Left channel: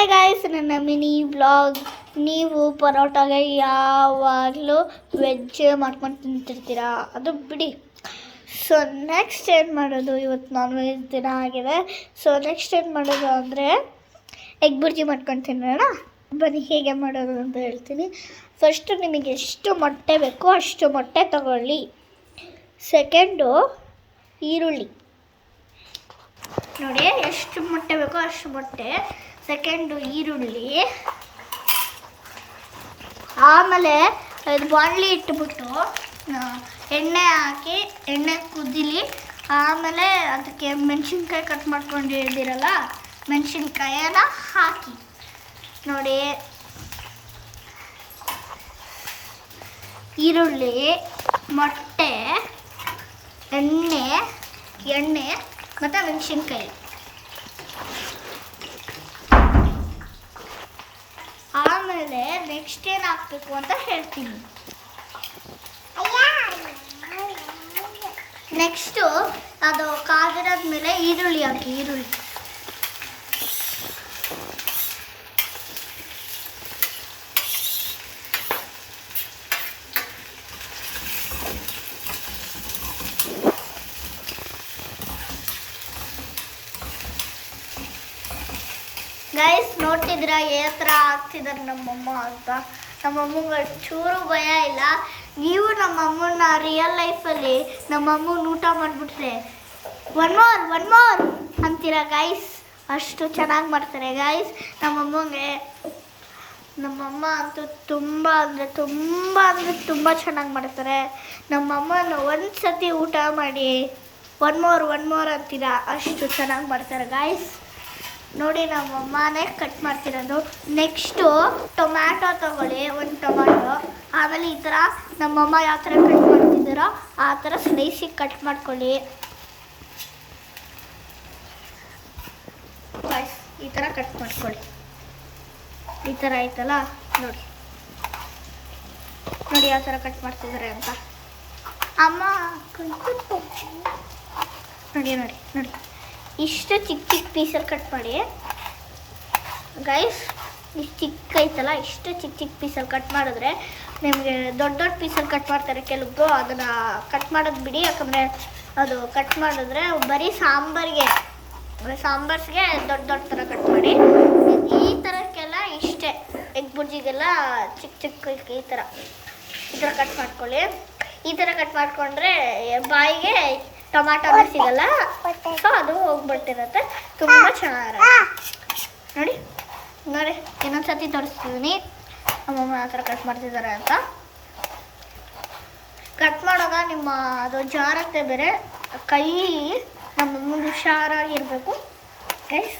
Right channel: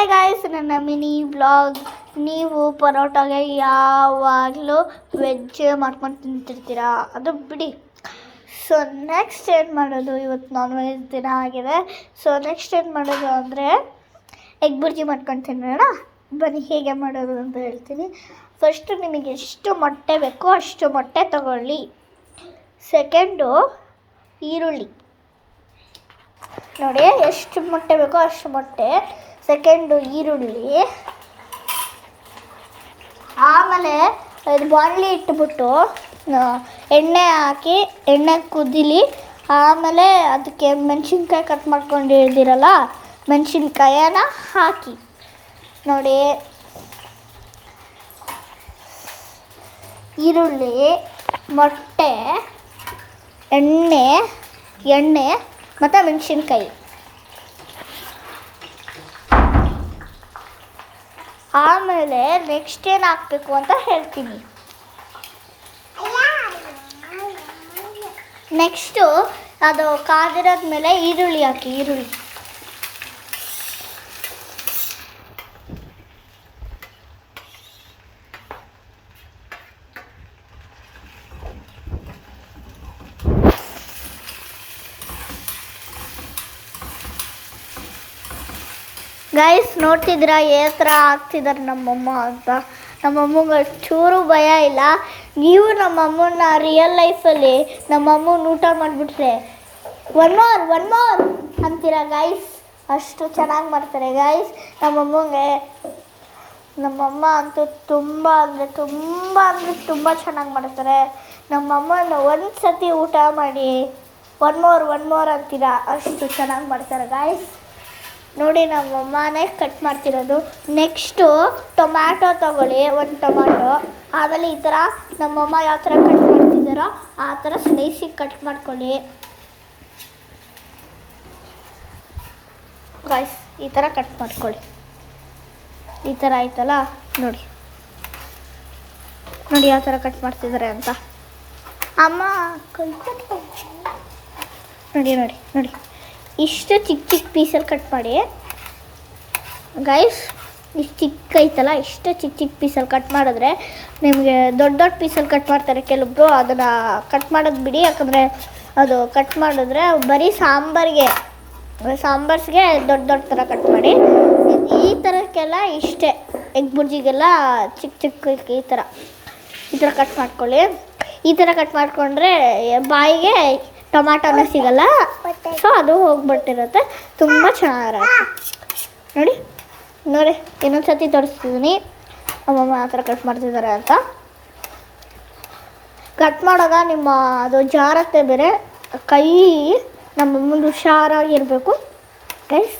Hi guys, ನನ್ನ mini vlog. ನೀವು ಪರೋಟಾಗೆ ಯಾವಾಗಲೂ ವೆಜ್ ಮಾಡ್ಕೊಂಡು ತಿಂತಿರ್ತೀರಾ, ಅದು ಬಿಡಿ. ಸೊ ನೆಕ್ಸ್ಟ್ ಏನು ಮಾಡೋದು, ಇವತ್ತು ನಾನ್ ವೆಜ್ ದಿನ ಆಗಿದೆ. ಸೊ ನೆಕ್ಸ್ಟ್ ಏನು ಮಾಡೋದು ಅಂದರೆ ಎಗ್ ಬುರ್ಜಿ ಮಾಡ್ಕೊಂಡು ತಿನ್ನೋಣ. ಬನ್ನಿ ಹೇಗೆ ಮಾಡೋದು ಅಂತ ಹೇಳ್ತೀನಿ. ಫಸ್ಟು ನಿಮಗೆ ಎಷ್ಟು ಮೊಟ್ಟೆ ಬೇಕೋ ಅಷ್ಟು ಮೊಟ್ಟೆ ತಗೊಳ್ಳಿ. ಸೆಕೆಂಡು ಈರುಳ್ಳಿ ನೋಡಿ, ಎಷ್ಟು ಮೊಟ್ಟೆ ಬೇಕೋ ಅಷ್ಟು ಮೊಟ್ಟೆ. ಸೆಕೆಂಡು ಈರುಳ್ಳಿ, ಆಮೇಲೆ ಅದು ಬಾಣಲಿ ಇಟ್ಬಿಟ್ಟು ಎಣ್ಣೆ ಹಾಕಿ ಎಣ್ಣೆ ಕುದಿಲಿ. ಆಮೇಲೆ ಅದಕ್ಕೆ ಮೆಣಸಿನ್ಕಾಯಿ ಕಟ್ ಮಾಡ್ಕೊಂಡಿದ್ದೀರಲ್ಲ, ಮೆಣಸಿನ್ಕಾಯನ್ನ ಹಾಕಿ ನೋಡಿ. ಈರುಳ್ಳಿ, ಮೊಟ್ಟೆ, ಎಣ್ಣೆ ಮತ್ತು ಮೆಣಸಿನ್ಕಾಯಿ. ಆಮೇಲೆ ನೆಕ್ಸ್ಟ್ ಏನು ಹಾಕಬೇಕು ಅಂತ ಹೇಳ್ತೀನಿ. ನೆಕ್ಸ್ಟು ಅದು ಕಾದಿರೋದ್ಮೇಲೆ ಈರುಳ್ಳಿ ಹಾಕಿ. ಈರುಳ್ಳಿ ಗೈಸ್ ನೋಡ್ತಿದ್ದೀರಾ ಯಾವ ಥರ ಆಗ್ತಿದ್ದಾರೆ ನಮ್ಮಮ್ಮ ಅಂತ. ನಮ್ಮಮ್ಮಗೆ ಚೂರು ಭಯ ಇಲ್ಲ. ನೀವು ನಮ್ಮಮ್ಮನ ರಿಯಲ್ ಲೈಫಲ್ಲಿ ನಮ್ಮಮ್ಮನ ಊಟ ಮಾಡಿಬಿಟ್ರೆ ಒನ್ ಮೋರ್ ಅಂತೀರ ಗೈಸ್. ಅಷ್ಟು ಚೆನ್ನಾಗಿ ಮಾಡ್ತಾರೆ ಗೈಸ್ ನಮ್ಮಮ್ಮ ಅಂತೂ ತುಂಬ ಚೆನ್ನಾಗಿ ಮಾಡ್ತಾರೆ. ನಮ್ಮಮ್ಮನ ಒಂದು ಸತಿ ಊಟ ಮಾಡಿ ಒನ್ ಮೋರ್ ಅಂತೀರ, ಅಷ್ಟು ಚೆನ್ನಾಗಿ ಮಾಡ್ತಾರೆ ಗೈಸ್. ನೋಡಿ, ನಮ್ಮಮ್ಮನೇ ಕಟ್ ಮಾಡ್ತಿರೋದು. ನೆಕ್ಸ್ಟು ಟೊಮ್ಯಾಟೊ ತಗೊಳ್ಳಿ, ಒಂದು ಟೊಮ್ಯಾಟೊ. ಆಮೇಲೆ ಈ ಥರ ನಮ್ಮಮ್ಮ ಯಾವ ಥರ ಕಟ್ ಮಾಡ್ತಿದ್ದಾರೋ ಆ ಥರ ಸ್ಲೈಸಿಗೆ ಕಟ್ ಮಾಡ್ಕೊಳ್ಳಿ ಗೈಸ್. ಈ ಥರ ಕಟ್ ಮಾಡ್ಕೊಳ್ಳಿ. ಈ ಥರ ಆಯ್ತಲ್ಲ, ನೋಡಿ ಯಾವ ಥರ ಕಟ್ ಮಾಡ್ತಿದ್ದಾರೆ ಅಂತ. ಅಮ್ಮ ನೋಡಿ ಇಷ್ಟು ಚಿಕ್ಕ ಪೀಸಲ್ಲಿ ಕಟ್ ಮಾಡಿ ಗೈಸ್. ಇಷ್ಟು ಚಿಕ್ಕ ಐತಲ್ಲ, ಇಷ್ಟು ಚಿಕ್ಕ ಪೀಸಲ್ಲಿ ಕಟ್ ಮಾಡಿದ್ರೆ ನಿಮಗೆ ದೊಡ್ಡ ಪೀಸಲ್ಲಿ ಕಟ್ ಮಾಡ್ತಾರೆ ಕೆಲವೊಬ್ಬರು. ಅದನ್ನು ಕಟ್ ಮಾಡೋದು ಬಿಡಿ, ಯಾಕಂದರೆ ಅದು ಕಟ್ ಮಾಡಿದ್ರೆ ಬರೀ ಸಾಂಬಾರ್ಸ್ಗೆ ದೊಡ್ಡ ಥರ ಕಟ್ ಮಾಡಿ. ಈ ಥರಕ್ಕೆಲ್ಲ ಇಷ್ಟೇ, ಎಗ್ ಬುರ್ಜಿಗೆಲ್ಲ ಚಿಕ್ಕ ಈ ಥರ ಕಟ್ ಮಾಡ್ಕೊಳ್ಳಿ. ಈ ಥರ ಕಟ್ ಮಾಡಿಕೊಂಡ್ರೆ ಬಾಯಿಗೆ ಟೊಮಾಟೊನೇ ಸಿಗಲ್ಲ, ಸೊ ಅದು ಹೋಗ್ಬಿಟ್ಟಿರುತ್ತೆ. ತುಂಬ ಚೆನ್ನಾಗಿರುತ್ತೆ. ನೋಡಿ ಇನ್ನೊಂದು ಸತಿ ತೋರಿಸ್ತಿದ್ದೀನಿ ನಮ್ಮಮ್ಮ ಆ ಥರ ಕಟ್ ಮಾಡ್ತಿದ್ದಾರೆ ಅಂತ. ಕಟ್ ಮಾಡೋವಾಗ ನಿಮ್ಮ ಅದು ಜಾರತ್ತೆ ಬೇರೆ, ಕೈ ನಮ್ಮಮ್ಮಂದು ಹುಷಾರಾಗಿರಬೇಕು ಗೈಸ್.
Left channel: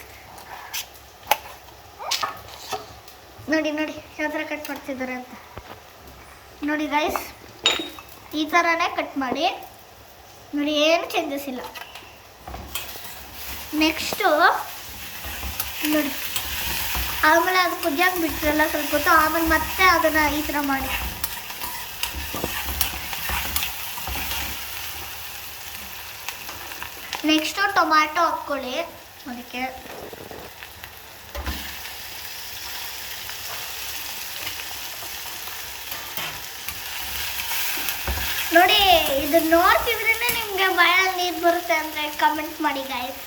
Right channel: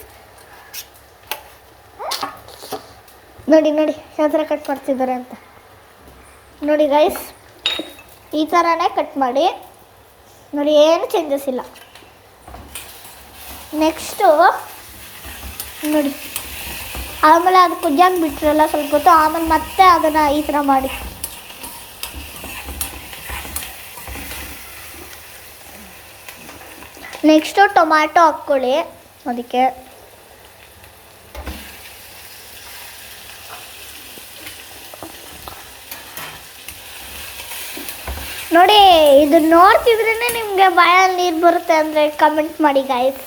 ನೋಡಿ ಯಾವ ಥರ ಕಟ್ ಮಾಡ್ತಿದ್ದಾರೆ ಅಂತ ನೋಡಿ ಗೈಸ್. ಈ ಥರನೇ ಕಟ್ ಮಾಡಿ ನೋಡಿ, ಏನು ಚೇಂಜಸ್ ಇಲ್ಲ. ನೆಕ್ಸ್ಟು ನೋಡಿ, ಆಮೇಲೆ ಅದು ಕುದಿಯಾಗಿ ಬಿಟ್ರಲ್ಲ ಸ್ವಲ್ಪ ಹೊತ್ತು, ಆಮೇಲೆ ಮತ್ತೆ ಅದನ್ನು ಈ ಥರ ಮಾಡಿ. ನೆಕ್ಸ್ಟು ಟೊಮ್ಯಾಟೊ ಹಾಕ್ಕೊಳ್ಳಿ ಅದಕ್ಕೆ. ನೋಡಿ, ಇದು ನೋಡ್ತಿದ್ರೇ ನಿಮಗೆ ಬಾಯಲ್ಲಿ ನೀರು ಬರುತ್ತೆ ಅಂದರೆ ಕಮೆಂಟ್ ಮಾಡಿ ಗಾಯ್ಸ್.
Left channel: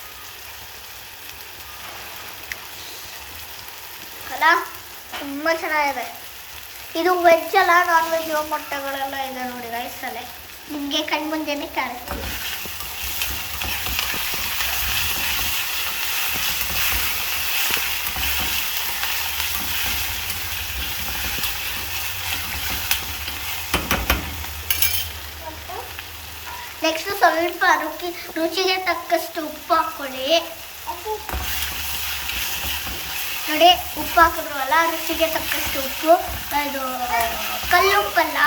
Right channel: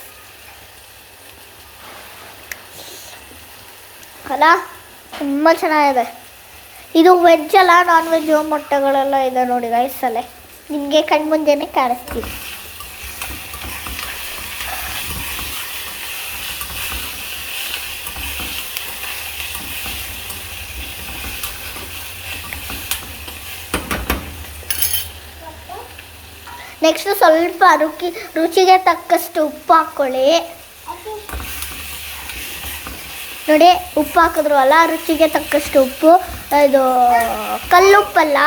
ಅಲ್ಲ, ತುಂಬ ಚೆನ್ನಾಗಿದೆ. ಇದು ವೆಜ್ ಅಲ್ಲ, ನಾನ್ ವೆಜ್ ಮೊಟ್ಟೆಗಳೆಲ್ಲ ಇದೆ ನೋಡಿ ಗೈಸಲ್ಲೇ, ನಿಮಗೆ ಕಣ್ಮುಂದೆನೇ ಕಾಣಿಸ್ತೀವಿ. ನೆಕ್ಸ್ಟ್ ಸ್ವಲ್ಪ ರುಚಿಗೆ ತಕ್ಕಷ್ಟು ಉಪ್ಪು ಹಾಕ್ಕೊಳ್ಳಿ. ನೋಡಿ, ಉಪ್ಪು ಹಾಕಿದ್ರಲ್ಲ, ರುಚಿಗೆ ತಕ್ಕಷ್ಟು ಉಪ್ಪು. ಅದು ಕಲ್ಲುಪ್ಪಲ್ಲ,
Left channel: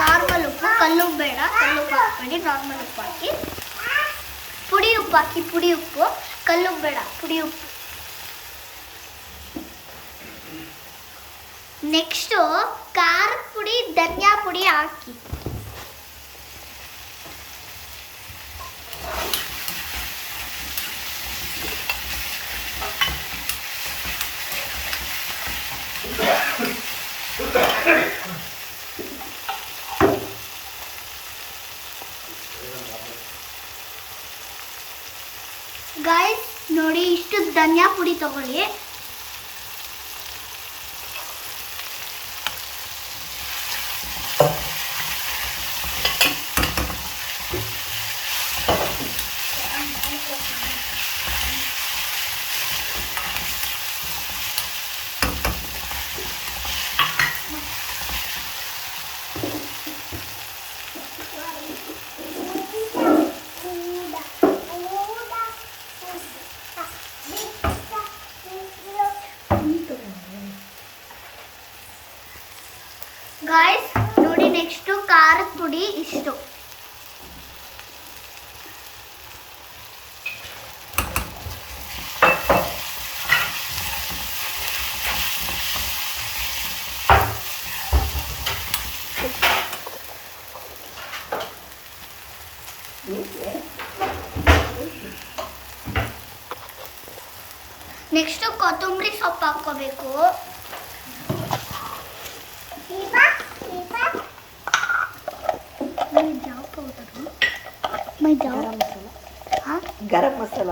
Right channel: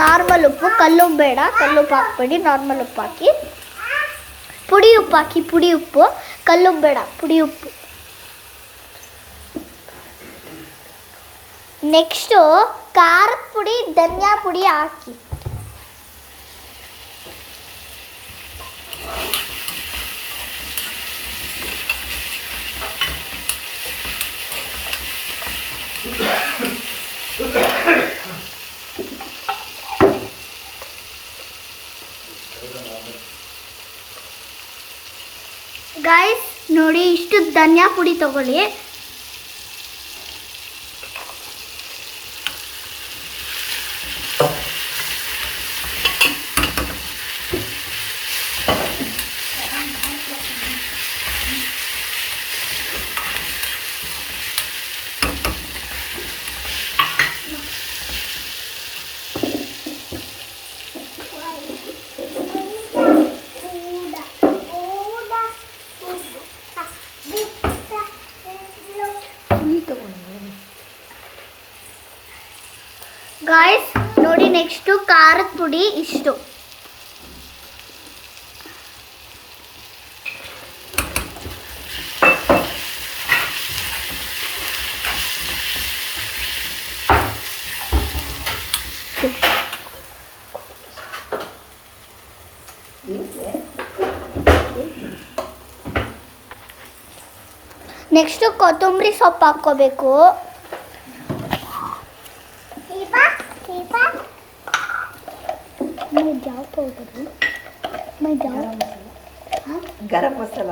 ನಾರ್ಮಲ್ ಉಪ್ಪು. ಕಲ್ಲುಪ್ಪು ಬೇಡ, ಕಲ್ಲುಪ್ಪು ಹಾಕ್ಬೇಡಿ, ನಾರ್ಮಲ್ ಉಪ್ಪು ಹಾಕಿ. ಪುಡಿ ಉಪ್ಪು ಹಾಕಿ, ಪುಡಿ ಉಪ್ಪು. ಕಲ್ಲುಪ್ಪು ಬೇಡ, ಪುಡಿ ಉಪ್ಪು. ನೆಕ್ಸ್ಟು ಖಾರದ ಪುಡಿ, ಧನಿಯಾ ಪುಡಿ ಹಾಕಿ. ಧನಿಯಾ ಪುಡಿ ತಗೊಳ್ಳಿ. ಗಾಯ್ಸ್ ನೋಡಿ, ನೆಕ್ಸ್ಟು ಖಾರದ ಪುಡಿ ಇಷ್ಟು. ನೆಕ್ಸ್ಟು ಕೊತ್ತಂಬರಿ ಸೊಪ್ಪು ಹಾಕ್ಕೋಬೇಕು. ಗರಂ ಮಸಾಲ,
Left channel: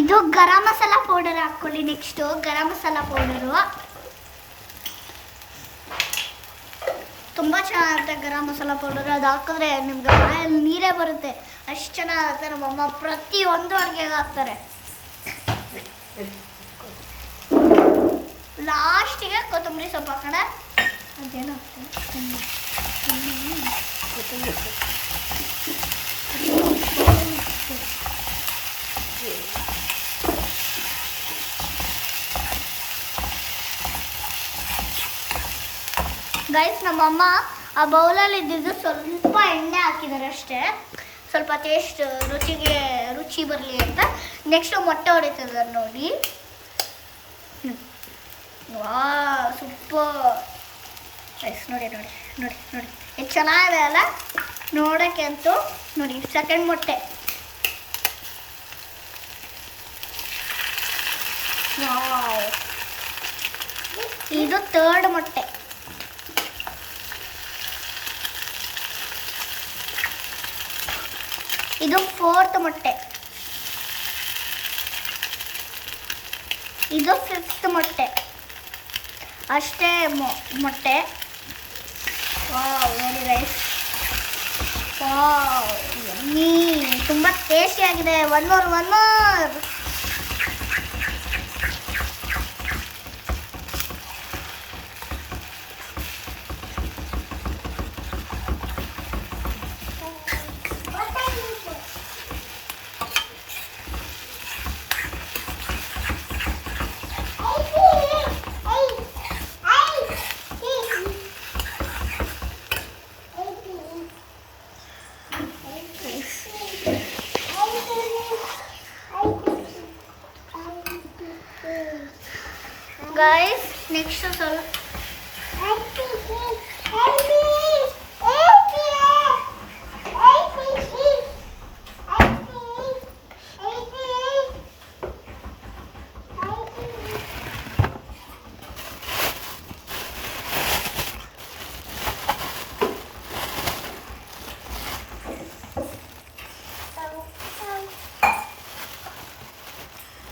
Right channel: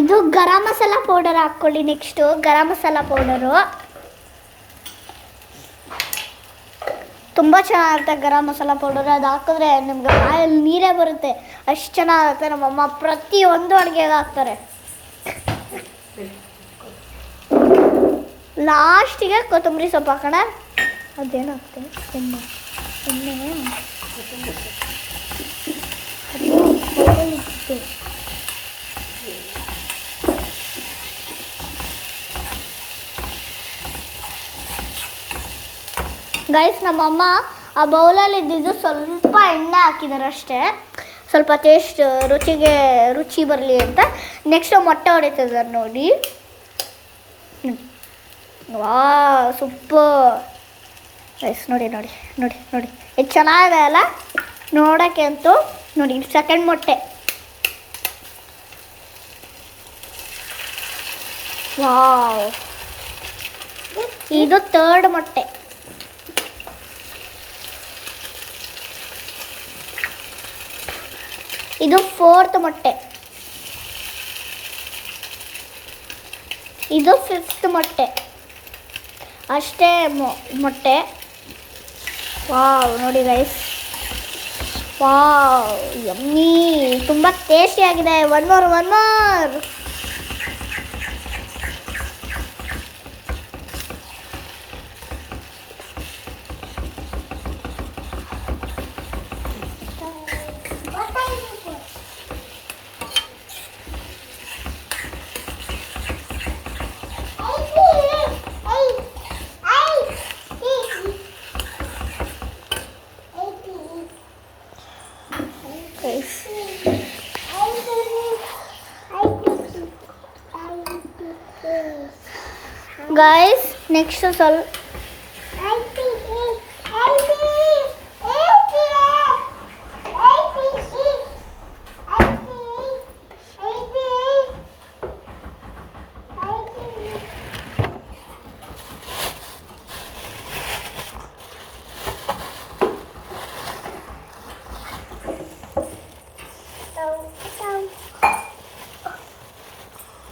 ಇದು ಗರಂ ಮಸಾಲ ಪೌಡರ್ ಹಾಕ್ಕೊಳ್ಳಿ. ನೆಕ್ಸ್ಟು ಗರಂ ಮಸಾಲ ಪೌಡರು ತುಂಬ ಚೆನ್ನಾಗಿರುತ್ತೆ. ಗರಂ ಮಸಾಲ ಪೌಡರ್ ಅದು ಹಾಕಿದ್ರೆ ನಿಮ್ಗೆ ಬಾಯಲ್ಲಿ ನೀರೇ ಬರುತ್ತೆ, ಅಷ್ಟು ಚೆನ್ನಾಗಿರುತ್ತೆ. ನಮ್ಮಮ್ಮ ಪ್ರತಿಯೊಂದು ಅಡುಗೆಗೆ ಹಾಕ್ತಾರೆ. ಲಾಸ್ಟಿಗೆ ಕೊತ್ತಂಬರಿ ಸೊಪ್ಪು ಹಾಕೋಣ. ಅದೇನಾಗ್ತದೆ ಗೈಸ್, ನಮ್ಮಮ್ಮ ಆ ಬೌಲಲ್ಲಿ ಇದ್ದಿದ್ದು ಸ್ವಲ್ಪ ಎಣ್ಣೆ ಹಾಕಿದ್ದಾರೆ ಅಷ್ಟೇ, ಸ್ವಲ್ಪ ಟೇಸ್ಟ್ ರುಚಿ ಬರಲಿ ಅಂತ. ನೆಕ್ಸ್ಟ್ ಮೊಟ್ಟೆ ಹೊಡಿತಿದ್ದಾರೆ ನೋಡಿ. ವಾ ಸೂಪರ್ ಗೈಸ್, ನೋಡಿ ನೋಡಿ ನೋಡಿ ನೋಡಿ ಎಷ್ಟು ಚೆನ್ನಾಗಿದೆ ಅಲ್ಲ ನೋಡೋಕ್ಕೆ ಅಂತೂ. ನೋಡಿ ಸೆಕೆಂಡ್ ಮೊಟ್ಟೆ. ವಾವ್, ಇದು ಥರ್ಡ್ ಮೊಟ್ಟೆ. ಇದು ಫೋರ್ತ್ ಮೊಟ್ಟೆ. ಇದು ಫಿಫ್ತ್ ಮೊಟ್ಟೆ. ಅಷ್ಟೇ ಮೊಟ್ಟೆ. ವಾವ್ ನೋಡಿ ರೈಸ್, ವಾವ್ ಯಮ್ಮಿ, ತುಂಬ ಟೇಸ್ಟಿಯಾಗಿದೆ. One more. ಗೈಸ್ ನೆಕ್ಸ್ಟ್ ಸ್ವಲ್ಪ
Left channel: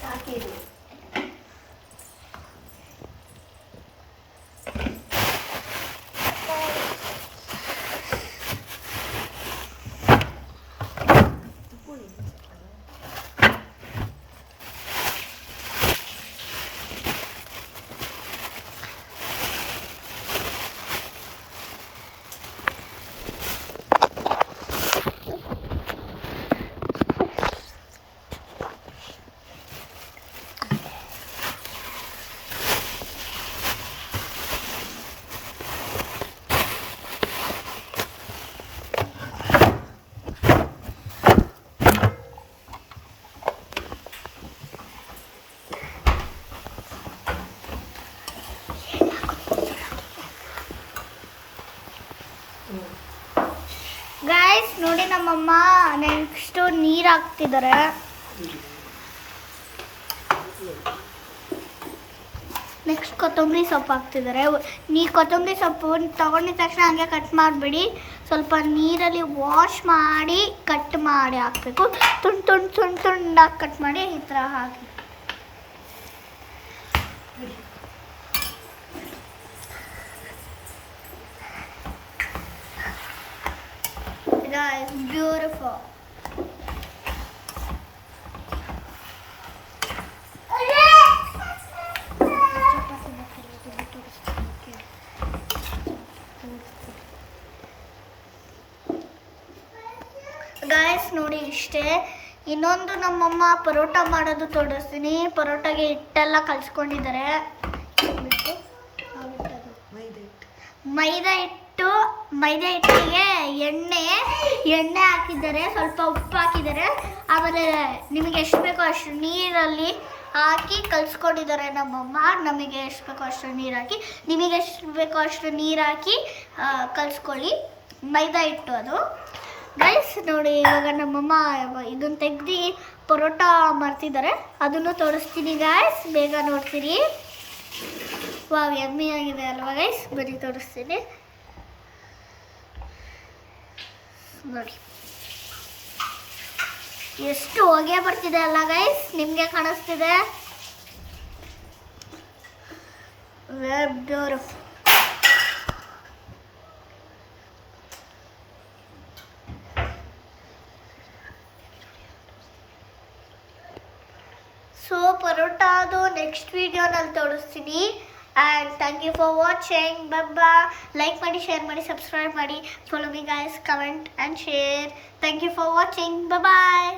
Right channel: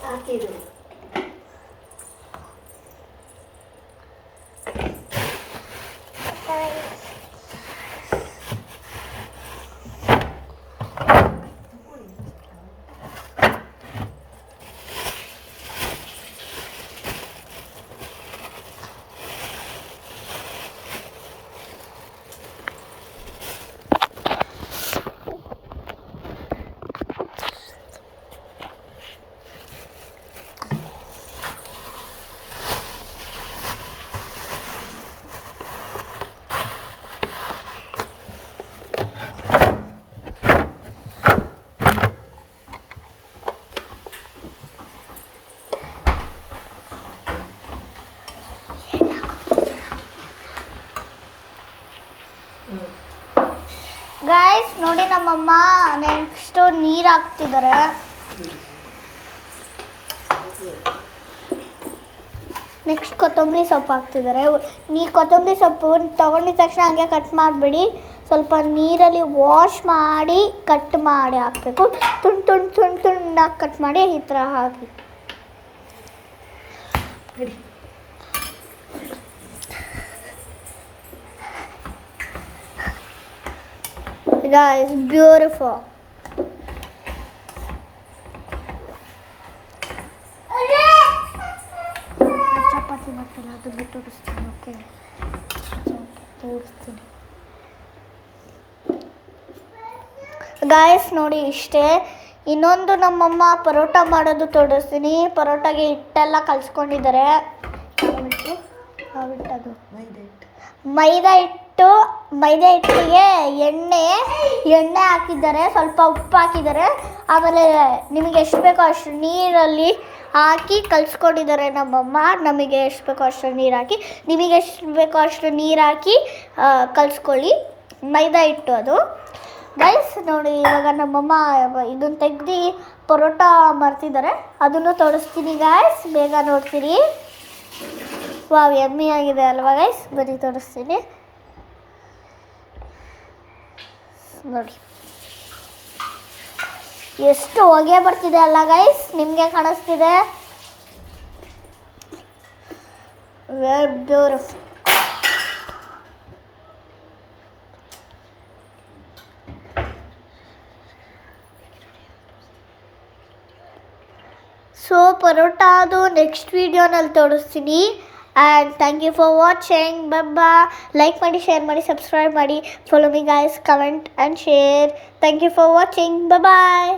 ಹಾಕಿರು. ಗೈಸ್ ನೋಡಿ, ನಮ್ಮಮ್ಮ ನೆಕ್ಸ್ಟು ನೀರು ಹಾಕ್ತಿದ್ದಾರೆ. ನೆಕ್ಸ್ಟ್ ಕೊತ್ತಂಬರಿ ಸೊಪ್ಪು ಹಾಕ್ತಿದ್ದಾರೆ. ಕೊತ್ತಂಬರಿ ಸೊಪ್ಪು ತೊಗೊಂಡಿದ ತಕ್ಷಣ ಹಂಗೆ ಕಟ್ ಮಾಡಿಬಿಡಿ. ಸ್ವಲ್ಪ ನೀರಲ್ಲಿ ವಾಶ್ ಮಾಡಿ ಕಟ್ ಮಾಡಿ ಹಾಕಬೇಕು. ತುಂಡಾಗಿ ಕಟ್ ಮಾಡಿ ಈ ಥರ ಹಾಕಿ. Guys, beautiful. ಚಪಾತಿ ಮಾಡ್ತೀನಿ ಅದು ಬಿಟ್ಟು ತೋರಿಸ್ತೀನಿ. ಓಕೆ, ತೋರಿಸ್ತೀನಿ ಗಾಯ್ಸ್. ನೋಡಿ ಇಷ್ಟೇ. ಇನ್ನೊಂದು ನಮ್ಮಮ್ಮ ಪರೋಟ ಮಾಡೋದು ತೋರಿಸ್ತೀನಿ. ಪರೋಟಾಗೆ ಹಿಟ್ಟೆಲ್ಲ ಕಲಿಸ್ಕೊಂಡಿದ್ದಾರೆ. ಮೈದಾ ಹಿಟ್ಟಿಗೆ ಎಣ್ಣೆ ಹಾಕಿದ್ದಾರೆ, ಸ್ವಲ್ಪ ಉಪ್ಪು ಹಾಕಿದ್ದಾರೆ. ಆಮೇಲೆ ನಿಮಗೆ ಎಷ್ಟು ಬೇಕೋ ಅಷ್ಟು ನೀರಲ್ಲಿ ಹಾಕಿ ಕಲಿಸ್ಕೊಂಡಿದ್ದಾರೆ ನಮ್ಮಮ್ಮ. ನಮಗೆ ಎಷ್ಟು ಬೇಕೋ ಅಷ್ಟು ನೀರು ಹಾಕಿ, ನಿಮಗೆ ಎಷ್ಟು ಬೇಕೋ ಅಷ್ಟು ನೀರು ಹಾಕಿ ಕಲಿಸ್ಕೊಳ್ಳಿ. ಮೈದಾ ಹಿಟ್ಟು ಅದು ಗೈಸ್. ನೋಡಿ ಇವಾಗ ನಮ್ಮಮ್ಮ ಇದನ್ನು ತೆಗ್ದು ಪರೋಟ ಮಾಡ್ತಿದ್ದಾರೆ, ಅದನ್ನು ತೋರಿಸ್ತೀನಿ ಗೈಸ್. ಬೇಗ ನೋಡ್ತೀರಿ. ವಾವ್, ಯಮ್ಮಿ ಆಗಿದೆ ಅಲ್ವಾ ಗೈಸ್? ಬರೀ ತೋರಿಸ್ತೀನಿ ನೋಡಿ. ಎಷ್ಟು ಹೊಗೆ ಬರ್ತಿದೆ ಅಲ್ಲ ಗೈಸ್? ನಿಮಗೆ ಕಾಣಿಸ್ತಿದೆ? Very beautiful. ಸೊ ಪರೋಟಾದು ನೆಕ್ಸ್ಟ್ ವಿಡಿಯೋನಲ್ಲಿ ತೋರಿಸ್ತೀನಿ. And thank you for watching. ಬಬ್ಬಾ, ಲೈಕ್ ಮಾಡಿ, ಶೇರ್ ಮಾಡಿ, ಸಬ್ಸ್ಕ್ರೈಬ್ ಮಾಡಿ. Follow me guys, comment and share. Thank you for watching. Bye.